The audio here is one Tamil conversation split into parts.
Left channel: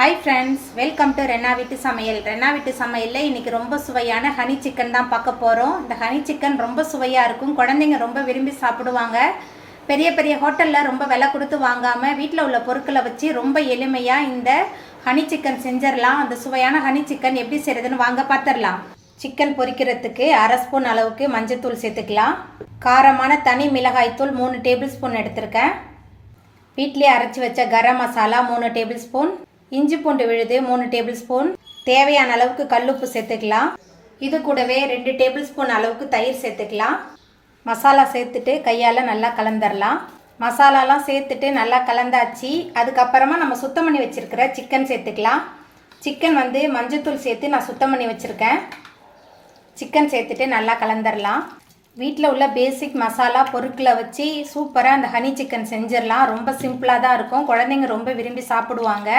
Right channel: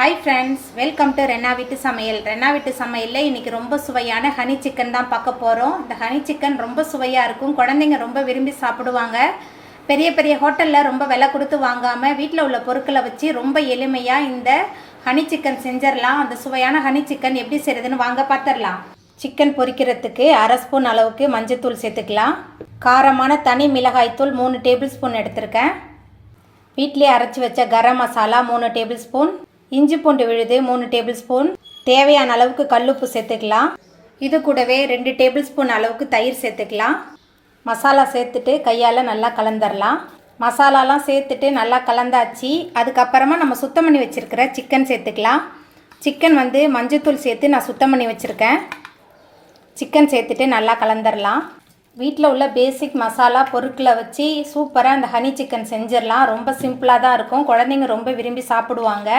Hi friends, welcome to Renna வீட்டு சமையல். ரென்னா வீட்டு சமையலில் இன்றைக்கி ரொம்ப சுவையான ஹனி சிக்கன் தான் பார்க்க போகிறோம். இந்த ஹனி சிக்கன் ரொம்ப சுவையாக இருக்கும். குழந்தைங்க ரொம்ப விரும்பி சாப்பிடுவாங்க. பெரிய பெரிய ஹோட்டலில் ரொம்ப விலை கொடுத்து வாங்காமல் வீட்டில் உள்ள பொருட்களை வச்சு ரொம்ப எளிமையாக இந்த ஹனி சிக்கன் செஞ்சிடலாம். அந்த சுவையான ஹனி சிக்கன் எப்படி செய்கிறதுன்னு வாங்க பார்த்துடலாம். சிக்கன் பொரிக்கிறதுக்கு 1/2 ஸ்பூன் அளவுக்கு மஞ்சத்தூள் சேர்த்துக்கலாம். காரமான தனி மிளகாய்த்தூள் 3 டேபிள் ஸ்பூன் எடுத்திருக்கேன். வீட்டிலே அரைச்சி வச்ச கரம் மசாலா 3 டேபிள் ஸ்பூன், இஞ்சி பூண்டு விழுது 3 டேபிள் ஸ்பூன், தேவையான அளவுக்கு கல்லுப்பு சேர்த்துக்கலாம். இது கூடவே 2 டேபிள் ஸ்பூன் அளவுக்கு தயிர் சேர்த்துக்கலாம். மசாலா சேர்த்துட்டு கையால் நல்லா கலந்துடலாம். மசாலாலாம் சேர்த்துட்டு நல்லா கலந்தாச்சு. அதுக்கப்புறமா நம்ம சுத்தம் பண்ணி வச்சுருக்கிற சிக்கன் சேர்த்துக்கலாம். சிக்கன் மஞ்சத்தூள் சேர்த்து நான் சுத்தம் பண்ணி வச்சுருக்கேன். சிக்கன் சேர்த்துட்டு நல்லா கலந்துடலாம். வீட்டில் உள்ள பேசிக் மசாலா பொருட்களை வச்சு சூப்பராக அந்த ஹனி சிக்கன் செஞ்சிடலாம். ரொம்ப சிம்பிளாக தான் இருக்கும். குழந்தைங்க ரொம்ப விரும்பி சாப்பிடுவாங்க.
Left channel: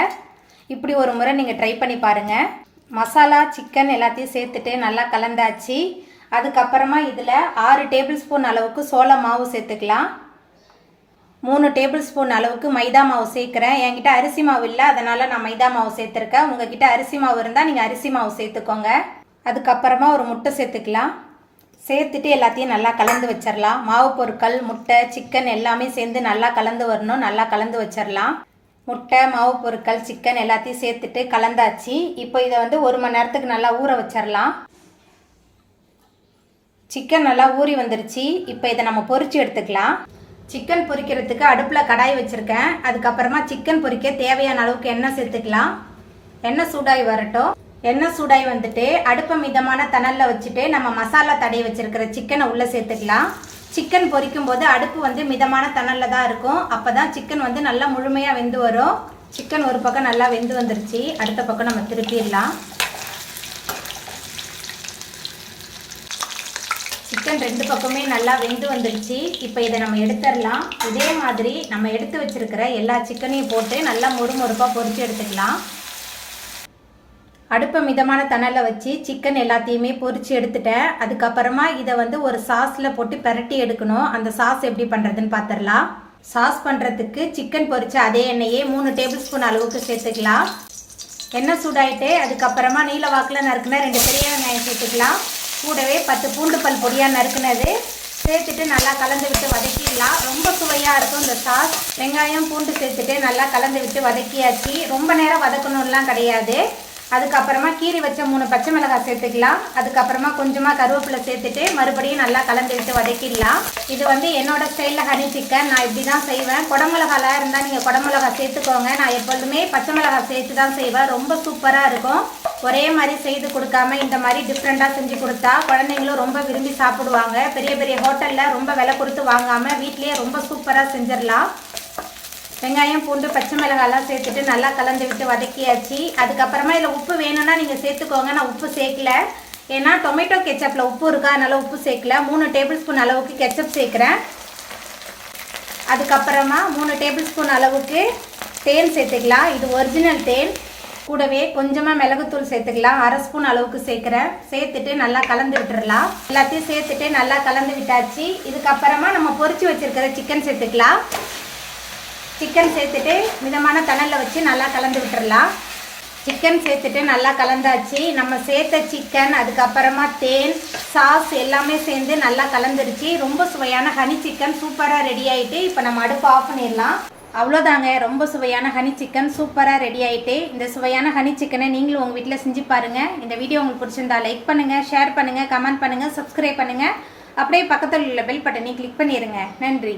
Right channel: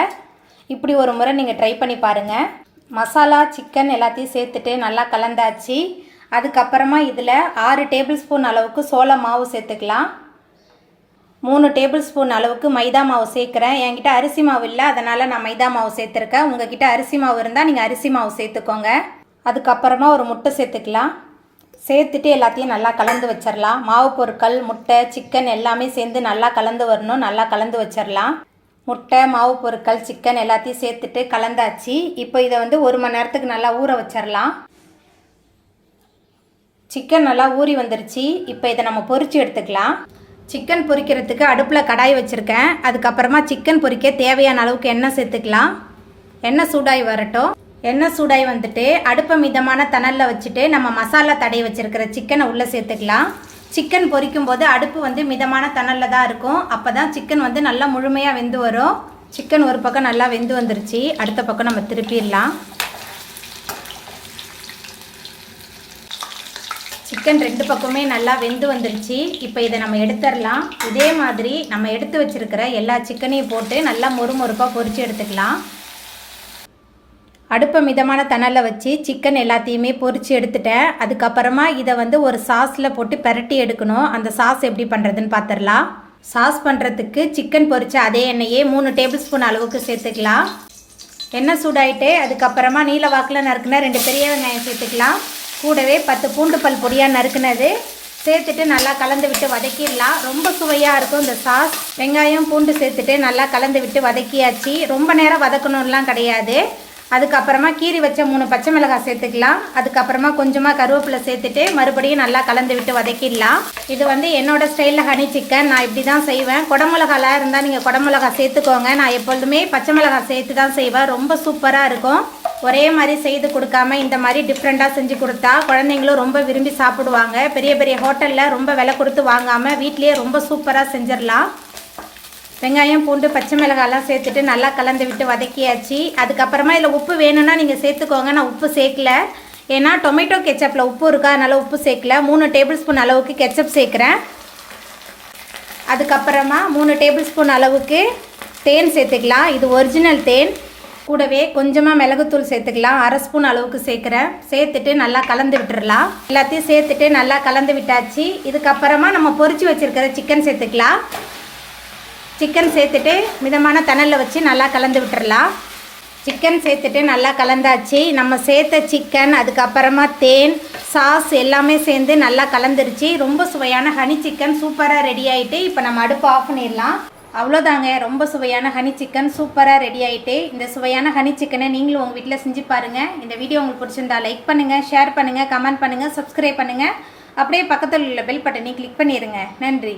இப்படி ஒரு முறை நீங்கள் ட்ரை பண்ணி பாருங்கள். மசாலா சிக்கன் எல்லாத்தையும் சேர்த்துட்டு நல்லா கலந்தாச்சு. அதுக்கப்புறமா இதில் 6 டேபிள் ஸ்பூன் அளவுக்கு சோள மாவு சேர்த்துக்கலாம். 3 டேபிள் ஸ்பூன் அளவுக்கு மைதா மாவு சேர்க்குறேன். என்கிட்ட அரிசி மாவு இல்லை, அதனால் நான் மைதா மாவு சேர்த்துருக்கேன். உங்ககிட்ட அரிசி மாவு இருந்தால் நீங்கள் அரிசி மாவு சேர்த்துக்கோங்க. அதுக்கப்புறமா ஒரு முட்டை சேர்த்துக்கலாம். சேர்த்துட்டு எல்லாத்தையும் நல்லா கலந்து வச்சிடலாம். மாவு பொருட்கள், முட்டை, சிக்கன் எல்லாமே சேர்ந்து நல்லா கலந்து வரணும். நல்லா கலந்து வச்சிடலாம். முட்டை, மாவு பொருட்கள், சிக்கன் எல்லாத்தையும் சேர்த்துட்டு கலந்தாச்சு. இப்போ இதை 1 மணி நேரத்துக்கு நல்லா ஊற வச்சிடலாம். சிக்கன் நல்லா ஊறி வந்துருச்சு. இப்போ இதை நம்ம பொரிச்சு எடுத்துக்கலாம். சிக்கன் பொரிக்கிறதுக்கு அடுப்பில் கடாய் வச்சுருக்கேன். அதுக்கப்புறமா சிக்கன் பொரிக்க தேவையான அளவுக்கு எண்ணெய் சேர்த்துக்கலாம். எண்ணெய் சூடாகி வரட்டும். எண்ணெய் சூடாகி வந்துட்டு அடுப்பை மிதமான தணலில் வச்சுட்டு நம்ம மசாலா தடவி வச்சுருக்கிற சிக்கனை உள்ளே சேர்த்துக்கலாம். சிக்கன் பொரிக்கும் போது அடுப்பு மிதமான தணலில் தான் இருக்கும். அப்போ தான் சிக்கன் நல்லா முழுமையாக வெந்து வரும். சிக்கன் ஒரு பக்கம் நல்லா வெந்து வந்துருச்சு. அடுத்த பக்கம் நம்ம திருப்பிடலாம். சிக்கன் 2 பக்கமே நல்லா வெந்து வந்துருச்சு. இப்போ இதை நம்ம எடுத்துடலாம். இதே மாதிரி நம்ம எடுத்து வச்சுருக்கிற எல்லா சிக்கனையும் போட்டு நல்லா மொறுமொறுப்பாக பொரித்து எடுத்துக்கலாம். அடுப்பை மிதமான தணலில் வச்சு சிக்கன் எல்லாத்தையுமே பொரித்து எடுத்துட்டேன். அதுக்கப்புறமா இதை ஒரு சாஸில் போட்டு பெரட்டி எடுக்கணும். அந்த சாஸ் எப்படி பண்ணுறதுன்னு பார்த்துடலாம். சாஸ் பண்ணுறதுக்கு சிக்கன் பொரித்த அதே எண்ணெயே 3 டேபிள் ஸ்பூன் அளவுக்கு சேர்த்துக்கலாம். எண்ணெய் சூடாயிட்டு அதுக்கப்புறமா நீல வாக்கில் நறுக்குன 2 பெரிய வெங்காயம் சேர்த்துக்கலாம். கூடவே 10 பூண்டு பல் பொடியாக நறுக்குனது சேர்த்துட்டு நல்லா கலந்து விட்டு வதக்கிடலாம். ரொம்ப சுவையாக இருக்கும் இந்த சாஸ். வெங்காயம் பூண்டு சேர்த்துட்டு நல்லா கலந்து விட்டு வதக்கியாச்சு. ரொம்ப நேரம் வதக்கணும்லாம் கிடையாது. அதுக்கப்புறமா கீரி வச்ச 3 பச்சை மிளகாய் சேர்த்துக்கலாம். அதுக்கப்புறமா கொஞ்சமாக கருவேப்பிலை சேர்த்துட்டு மறுபடியும் நல்லா கலந்து விட்டு வதக்கிடலாம். இது என்னோட ஸ்டைலில் ஹனி சிக்கன். நான் இப்படி தான் செய்வேன். குடமிளகாலாம் இருந்தால் நீங்கள் குடமிளகாய் சேர்த்துக்கோங்க. நான் எப்பொழுதுமே பச்சை மிளகாய் சேர்த்து தான் செய்வேன். ரொம்ப சூப்பராக இருக்கும். ஒரே மாதிரி செய்து கொடுக்காம இந்த மாதிரி டிஃப்ரெண்ட்டாக செஞ்சு கொடுத்தா குழந்தைங்களும் ரொம்ப விரும்பி சாப்பிடுவாங்க. பெரிய பெரிய ஹோட்டலில் ரொம்ப விலை கொடுத்து வாங்காமல் வீட்லேயே ரொம்ப சூப்பராக செஞ்சிடலாம். வெங்காயம் பூண்டு பச்சை மிளகாயெல்லாம் சேர்த்துட்டு நல்லா கலந்து விட்டு வதக்கியாச்சு. அதுக்கப்புறமா இதில் உப்பு வேணும்னா நீங்கள் சேர்த்துக்கோங்க. நான் உப்பு சேர்க்கல, ஏன்னா டொமேட்டோ கெச்சப்பில் உப்பு இருக்கா, அதனால் உப்பு சேர்க்கல. 3 டேபிள் ஸ்பூன் அளவுக்கு கெச்சப் சேர்க்குறேன். அதுக்கப்புறமா 3 டேபிள் ஸ்பூன் அளவுக்கு தேன் சேர்த்துக்கலாம். இது ஒரிஜினல் தேன். கூடவே கொஞ்சமாக மிளகுத்தூள் சேர்த்துக்கலாம். 1/2 ஸ்பூன் அளவுக்கு சேர்க்குறேன். சேர்த்துட்டு நல்லா கலந்து விட்டுடலாம். எல்லாத்தையும் சேர்த்துட்டு நல்லா கலந்து விட்டாச்சு. இதுக்கப்புறமா நம்ம பொரிச்சு வச்சுருக்கிற சிக்கன் சேர்த்துக்கலாம். சிக்கன் சேர்த்துட்டு மிதமான தணலில் வச்சு நல்லா கலந்து விட்டுறலாம். சிக்கன் சேர்த்துட்டு நல்லா கலந்தாச்சு. நம்ம சேர்த்த சிக்கன் அதுக்கப்புறமா தேன் சாஸ் எல்லாமே சேர்ந்து நல்லா கலந்துருச்சு. ரொம்ப சுவையான ஹனி சிக்கன் சூப்பராக ரெடி ஆகிட்டு இப்போ நம்ம அடுப்பு ஆஃப் பண்ணிடலாம். அவ்வளோதாங்க, ரொம்ப சுவையான ஹனி சிக்கன் சூப்பராக ரெடி ஆகிட்டு. இந்த சுவையான ஹனி சிக்கனை நீங்களும் உங்கள் வீட்டில் செஞ்சு பாருங்கள். இந்த வீடியோ உங்களுக்கு பிடிச்சிருந்தா லைக் பண்ணுங்கள், ஷேர் பண்ணுங்கள், கமெண்ட் பண்ணுங்கள், சப்ஸ்கிரைப் பண்ணுங்கள். அப்படியே பக்கத்தில் உள்ள பெல் பட்டனை கிளிக் பண்ணிடுங்க. நன்றி.